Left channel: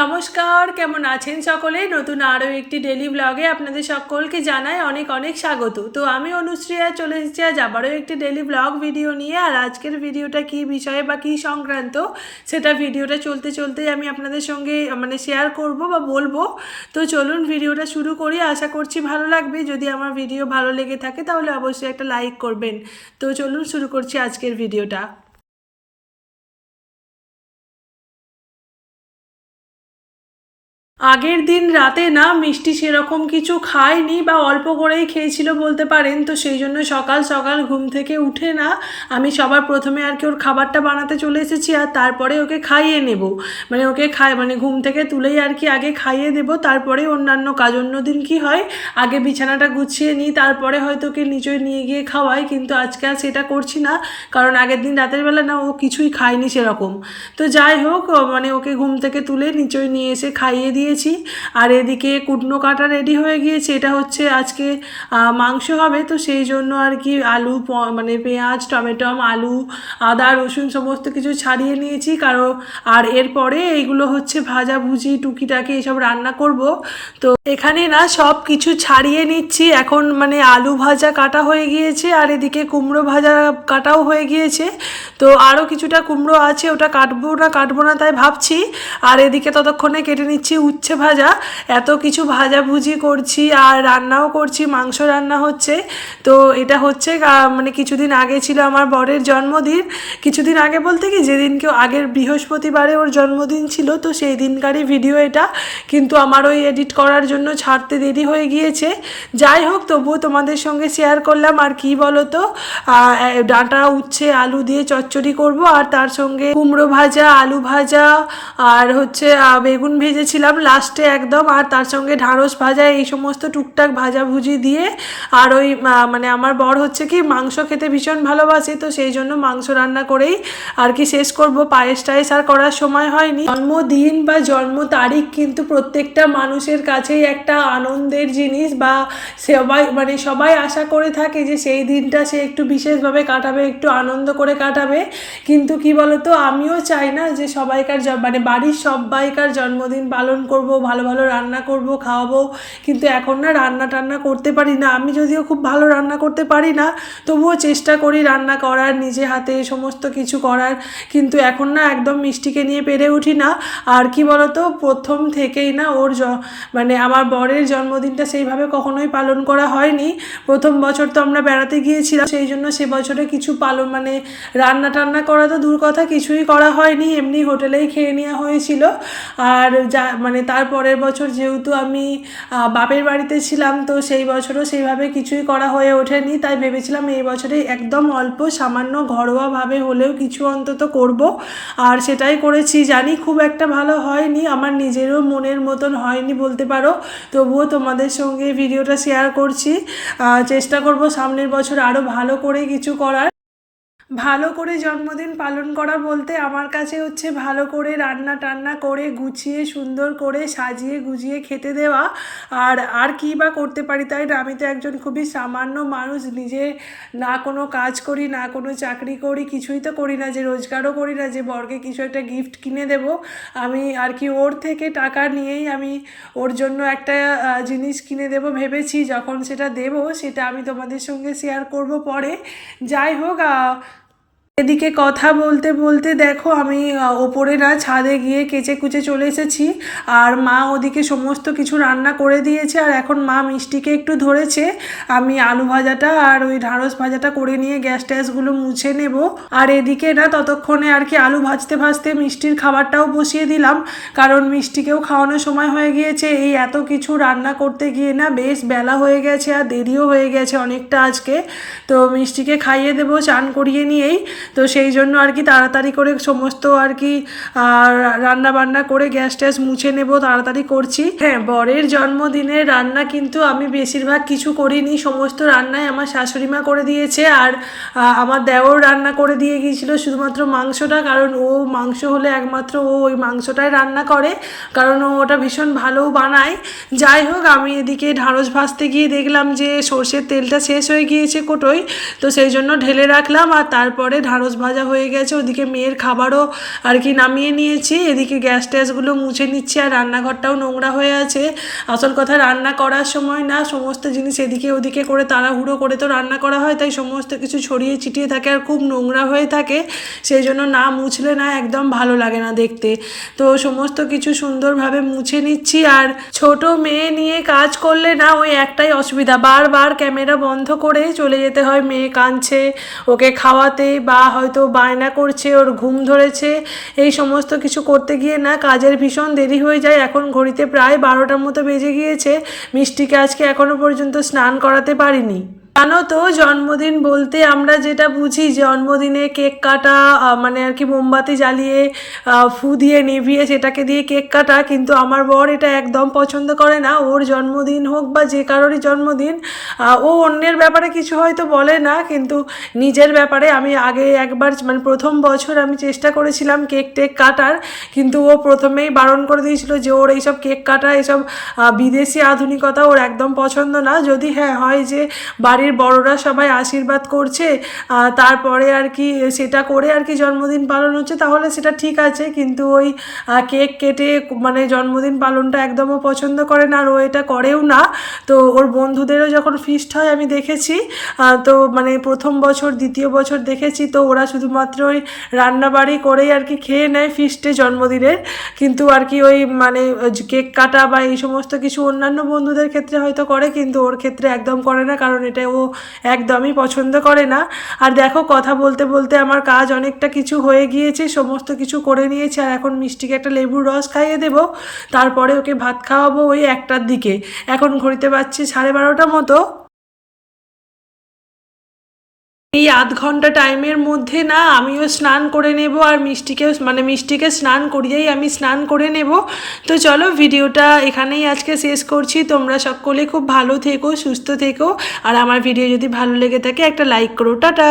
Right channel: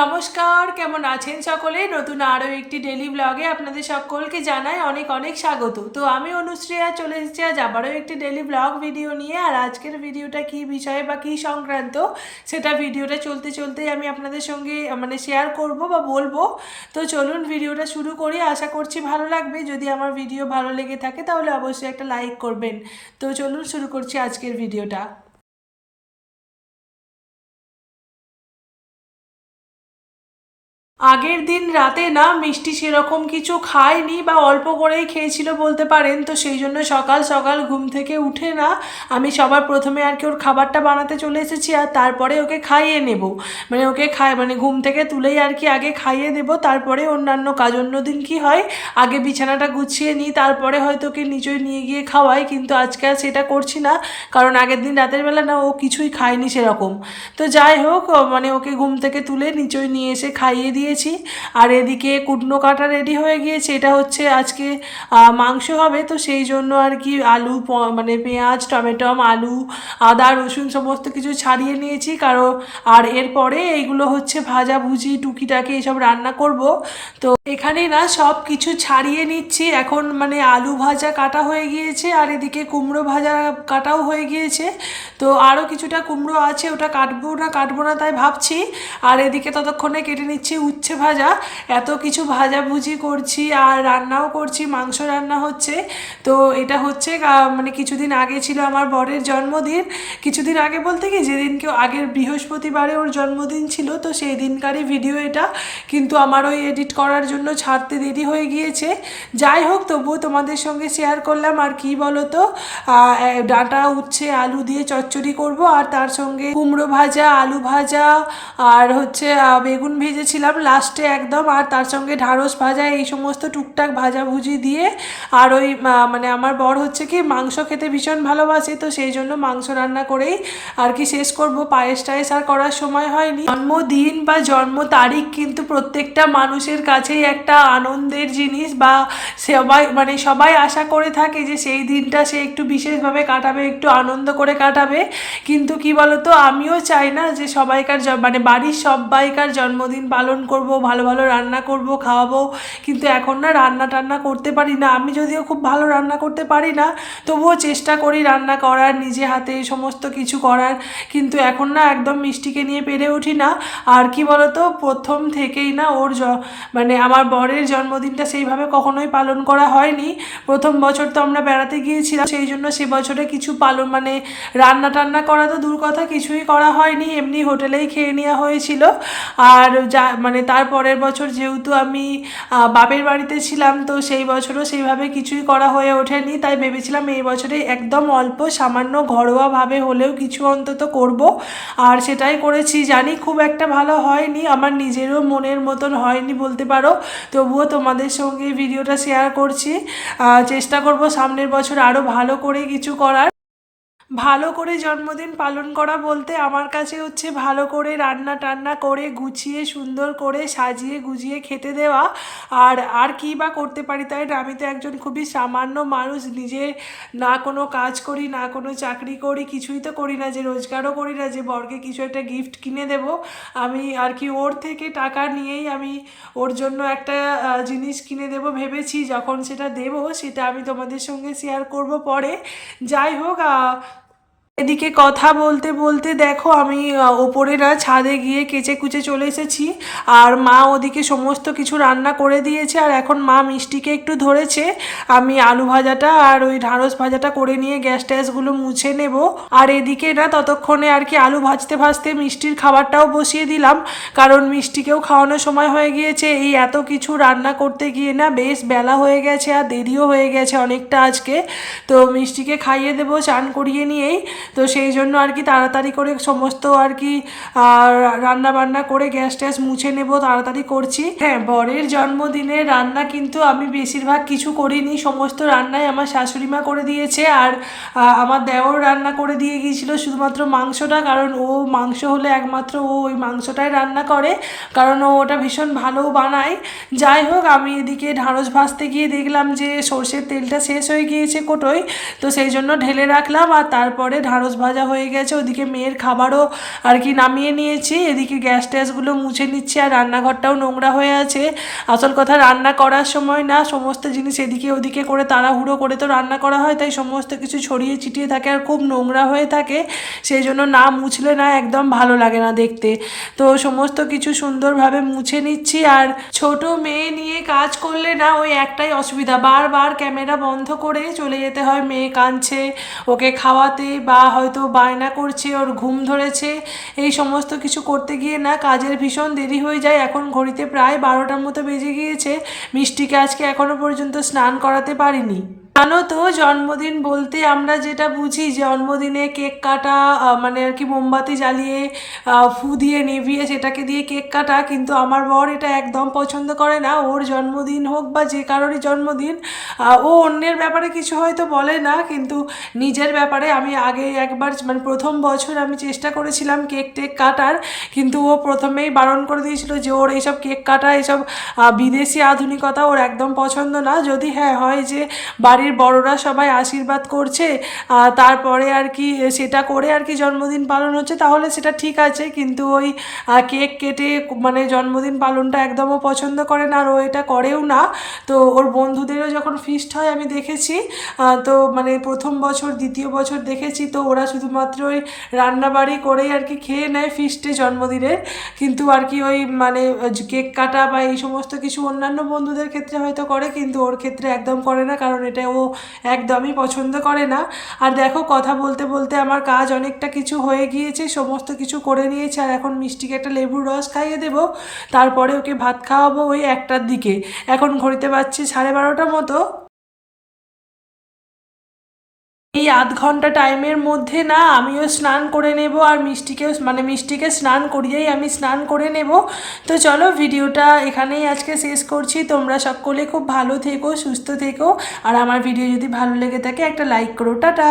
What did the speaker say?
নমস্কার, কেমন আছেন সকলে? নতুন আরও একটি ডেলি ব্লগে আপনাদের সকলকে জানাই অনেক অনেক স্বাগত। তো আমি অনুশ্রিয়া চলে এসেছি আজ আবারও একটি ডেলি ব্লগ ভিডিও নিয়ে। আর আজকের ভিডিওটা কী বিষয়ে বা কী সংক্রান্ত সেটা ভিডিওটা চলতে চলতেই আমি আপনাদের সঙ্গে শেয়ার করব বা বলবো। তো চলুন ভিডিওটা শুরু করি, আশা করছি ভালো লাগবে। যদি আমার ভিডিও ভালো লেগে থাকে তাহলে অবশ্যই একটা লাইক করবেন। তো চলুন শুরু করছি আজকের ভিডিওটা। আগের দিন রাতে না মিষ্টি সেরকম কিছু খায়নি বা অল্প করেই খেয়েছিল বলতে পারেন। তো সেই জন্য সকাল সকাল ঘুম থেকে উঠে না আমি সবার প্রথমে আর কি ওর খাবারটা বানাতে চলে এসেছি, আর তারপরে ওকে খাইয়ে নেব। ওকে ঘুম থেকে তুলেই আর কি আগে খাইয়ে দেবো, তারপরে অন্যান্য কাজ। অন্যদিন কি হয়, আগে বিছানাটা গুছিয়ে নিই, তারপরে হয়তো ওকে নিচয় নিয়ে গিয়ে খাওয়াই, কিন্তু আজকে আর সেটা করছি না। কারণ আগের দিন রাতের বেলা না ও কিছুই খায়নি সেরকম। তো যাই হোক, ওকে ঘুম থেকে তুলে নিচয় নিয়ে এসে খাইয়ে দিয়েছি। আর এদিকে কুটনো কাটা রেডি হয়ে গিয়েছে। এটা হচ্ছে আজকে মাংস হবে, তো সেই জন্য আর কি আলু পেঁয়াজ টমেটো আলু আদা রসুন সমস্ত কিছু ছাড়িয়ে নিয়েছি। আর এরপরে এইগুলো হচ্ছে ভাজা ভুজি টুকিটাকি এসব রান্না করব। তো এখানে না সব কিছু ছাড়িয়ে নিচ্ছি এখন। আলু ভাজা কাটা হয়ে গিয়েছে, আর এদিকে কুমড়ো ভাজা কাটাও হয়ে গিয়েছে। তো আরও কিছুটা কুমড়ো আছে, ওটা কাটবো না তাই ভাবছি। আর এদিকে ততক্ষণে কেটে নিচ্ছি উচ্ছে ভাজা। এত কিছু ভাজাভুজি করছি আর রান্নাও করছি, মাংস রান্না হচ্ছে। তো এটা হচ্ছে কিছুদিন আগে ছিল আমার বরের জন্মদিন। কিছুদিন আগে বলতে কি, যেদিনকে আগের বৃহস্পতিবারে ওর জন্মদিন ছিল, তো সেই দিনকারই ভিডিও এটা। কিন্তু আমার ওই এডিট করার জন্য ছাড়তে দেরি হয়ে গিয়েছে। যাই হোক, তবুও তোমাদের সঙ্গে শেয়ার করলাম। আর কি বলো তো, ডাঁটা উচ্ছে আলু দিয়ে চচ্চড়ি করব, আর তার সঙ্গে কুমড়ো ভাজা আলু ভাজা আর হচ্ছে বেগুন ভেজেছিলাম লাস্টে একদম, আর তার সঙ্গে ঢ্যাঁড়স ভাজা, এই সমস্ত টুকটাক ভাজাভুজি দিয়ে। আর ওই আমার বর হচ্ছে কি মাংস খেতে ভীষণ ভালোবাসে, তো সেই জন্য মাংস রান্না করেই আর কি শেষ করব। পায়েস টায়েস আর করার সময় হয়নি। জন্মদিন বা জন্ম তারিখ কিন্তু প্রত্যেকটা মানুষের কাছেই একটা আনন্দের জিনিস, বা সবাই আশা করে থাকে যে সেই দিনটা সে একটু বিশেষভাবে কাটাবে, একটু আনন্দ করে কাটাবে। কিন্তু কি বলতো, আমিও চাই না যে সবাইকার বাড়ির সবাইকার জন্মদিন পালন করব, ভালো ভালো রান্না করব, খাওয়াবো। কিন্তু এখন না রান্না টান্না করতে পারি না। আমি যদিও খুব ভালো রান্না করতে পারি না, তবুও চেষ্টা করি রান্না করার, নিজে হাতে সমস্ত কিছু করার। কিন্তু এখন না একদম মিষ্টিকে নিয়ে পেরে উঠি না। আর কি বলতো, প্রথম থেকেই না ওর আমার বরের জন্মদিনটা সেইভাবে কখনোই পালন করা হয়নি। প্রথম বছর তো আমরা বেড়াতে গিয়েছিলাম, সেই জন্য সে বছরে কিছু রান্না টান্না করা তো দূর কথা, কিছুই করা হয়নি, এমনি হোটেলেই খেয়ে নেওয়া হয়েছিল। আর তার পরের বছর যেহেতু আমি বাপের বাড়িতে ছিলাম, তো সেই বছরও সেইভাবে কিছুই করা হয়ে ওঠেনি। তাই ভেবেছিলাম এই বছরে একদম অল্প সামান্য ঘরোয়াভাবে হলেও কিছু অন্তত করব, আর সেটাই করেছি। জানি খুব একটা ভালো হয়নি, আমার নিজেরও মনের মতন হয়নি বলতে পারো। তবুও তোমাদের সঙ্গে ভিডিওটা শেয়ার করছি। চেষ্টা করব সামনের বছর আরও ভালো করে কিছু করার। ভালো করে জন্মদিন পালন করা বলতে আমার কাছে হচ্ছে ভালো করে রান্না টান্না করে গুছিয়ে সুন্দর করে সাজিয়ে গুজিয়ে খেতে দেওয়া। আর কী বা করতে পারি, তাই না? আমি তো একজন খুবই সামান্য মানুষ, নিজে না কোনো কাজ করি না কোনো চাকরি করি, কিছুই তো করি না, যে রোজগারও করি না যে বরকে কিছু একটা গিফট কিনে দেব। আমি আর কি ওর থেকে টাকা নিয়েই আমি ওর জন্য একটা জিনিস কিনে দেব ভেবেছি। যখন সেটা দেব সেটা আমি তোমাদের সঙ্গে শেয়ার করব পরে। যাই হোক, এদিকে কথা বলতে বলতে দেখো আমি ওপরে না ছাদে গিয়ে কেচে কুচে চলে এসেছি। আর মা ওদিকে সমস্ত কিছু রান্না করে দিয়েছে, আর এখন মা মিষ্টিকে একটু ধরেছে। আমি আলু ভাজাটা আর ওই ঢ্যাঁড়স ভাজাটা করে নিয়ে গ্যাস ট্যাসগুলো মুছে নেব। আর এদিকে না ততক্ষণে আর কি আলু ভাজতে ভাজতে মিষ্টির খাবারটাও বসিয়ে দিলাম, কারণ মিষ্টিকেও খাওয়ানোর সময় হয়ে গিয়েছে। এই এত কিছু রান্না করতে গিয়ে না বেশ বেলা হয়ে গেছে, আর দেরিও হয়ে গেছে অনেকটা আজকে। তো মিষ্টিকে খাইয়ে দেবো চান করিয়ে নিয়েই। তো সেই জন্য আর কি তাড়াতাড়ি করে সমস্ত আর কি রান্না বান্না করে গ্যাস ট্যাস মুছে নেব, তাড়াতাড়ি করছি। হ্যাঁ, বরের জন্মদিনের রান্না কিন্তু আমি বেশিরভাগ কিছু করিনি, সমস্ত রান্নাই আমার শাশুড়ি মা করে দিয়েছে। আর আমার দেওর রান্না করে দিয়ে গিয়েছিল শুধুমাত্র মাংসটা, কারণ ও মাংস হলে একমাত্র ও ওই মাংসটাই রান্না করে, কারণ ও ওটা ভীষণ ভালোও বানায়। যাই হোক, আমি এদিকে ঢ্যাঁড়স ভাজতে গিয়ে দেখলাম যে সর্ষের তেলটা শেষ হয়ে গিয়েছে কোটোই, তো সেই জন্য ঢেলে রাখলাম। আর তারপরে ঢ্যাঁড়স ভাজা হয়ে গেছে, ওদিকে মেয়ের খাবারও আর কি নামিয়ে নিয়েছি, এদিকে গ্যাস ট্যাসগুলো মুছে নিচ্ছি, আর রান্নাঘরটাও নোংরা হয়ে আছে। আসল কথা রান্না করার সময় না সমস্ত জিনিস এদিকে ওদিকে করে তাড়াহুড়ো করে তো রান্না করা হয়, তাই সমস্ত কিছু ছড়িয়ে ছিটিয়ে থাকে আর খুব নোংরা হয়ে থাকে, সেই জন্য না মুছলে না একদম ভালো লাগে না দেখতে। তো সমস্ত কিছু সুন্দরভাবে মুছে নিচ্ছি। আর ছোট মেয়ে নিয়ে কাজ করলে না ওই একটাই অসুবিধা, বারবার ক্যামেরা বন্ধ করে চলে যেতে হয়, মেয়ে কাঁদছে ওকে খাওয়াতে বা হয়তো বায়না করছে, ওর ঘুম ধরেছে, এই সমস্ত কিছু করতে গিয়ে না কাজের ভীষণ দেরি হয়ে যায়। এখন ঘড়িতে প্রায় 12টার মতো বেজে গিয়েছে, মিষ্টিকে আজকে এখনো পর্যন্ত স্নান করাতে পারিনি। জানো তো জন্মদিন বলতে আমরা যেটা বুঝি জন্মদিনে কেক কাটা, মানে আর কি মোমবাতি জ্বালিয়ে ফু দিয়ে নিভিয়ে সেটাকে দিয়ে কেক কাটা, কিন্তু আমার বর এটা একদম পছন্দ করে না। ওর জন্মদিন হোক বা যে কারোরই জন্মদিন, ও অন্যের ব্যাপারে কিছু হয়তো বলে না, কিন্তু নিজের ব্যাপারে আমি আগে একবার মানে প্রথম বছর আমি চেষ্টা করেছিলাম কেক টেক কাটার, কিন্তু ও প্রথমেই বারণ করে দিয়েছিল যে ওর এইসব কেক কাটা এইসব বিদেশি আধুনিকতা ওর একদম পছন্দ না। যদি হ্যাঁ হয় যে বাড়ির বড়রা সবাই আশীর্বাদ করছে, তারপরে আর কি সেটা করে আর কি জন্মদিন পালন হচ্ছে, তাহলে সেটা ঠিক আছে, কিন্তু ওই কেক কেটে মানে জন্মদিন পালনটা একদমও পছন্দ করে না, আর ও এটা করেও না। তো ওর বন্ধুদেরও যখন ফিস্ট হয় আমি দেখেছি, তো মানে প্রথম বছর দ্বিতীয় বছর দেখেছি, তো ওরা শুধুমাত্র ওই রান্নাবাড়ি করেই আর কি খেয়ে নেয় ফিস্টে জন্মদিনের, কিন্তু আর কি ওই মানে কেক কাটা বা এই সমস্ত কিছু অন্যান্য বন্ধুদের ক্ষেত্রে হয়তো করে, কিন্তু ওর ক্ষেত্রে একদম করে না, কারণ এটা ও একদমই পছন্দ করে না। আর দেখো কথা বলতে বলতে আমার কাজ অনেকটা কিছু হয়ে গিয়েছে, সমস্ত কিছু করে নিয়েছি, আর এখন মিষ্টিকে একটা লেবুর রস খাইয়ে দেবো, তারপরে ওকে ভাত খাওয়াবো ওই 1টার দিকে। এখন ঘড়িতে বাজছে 12:30 মতো। এই আধ ঘন্টা টাইমের মধ্যে না আমিও স্নান করে নেব, আর মিষ্টিকেও মানে মিষ্টিকে স্নান করিয়েই আমি স্নান করে নেব। তো চলো ভিডিওটা এখানেই আজকে শেষ করছি, তোমরা সকলে খুব ভালো থেকো, সুস্থ থেকো, আর আমার ভিডিও যদি ভালো লেগে থাকে একটা লাইক করো। টাটা।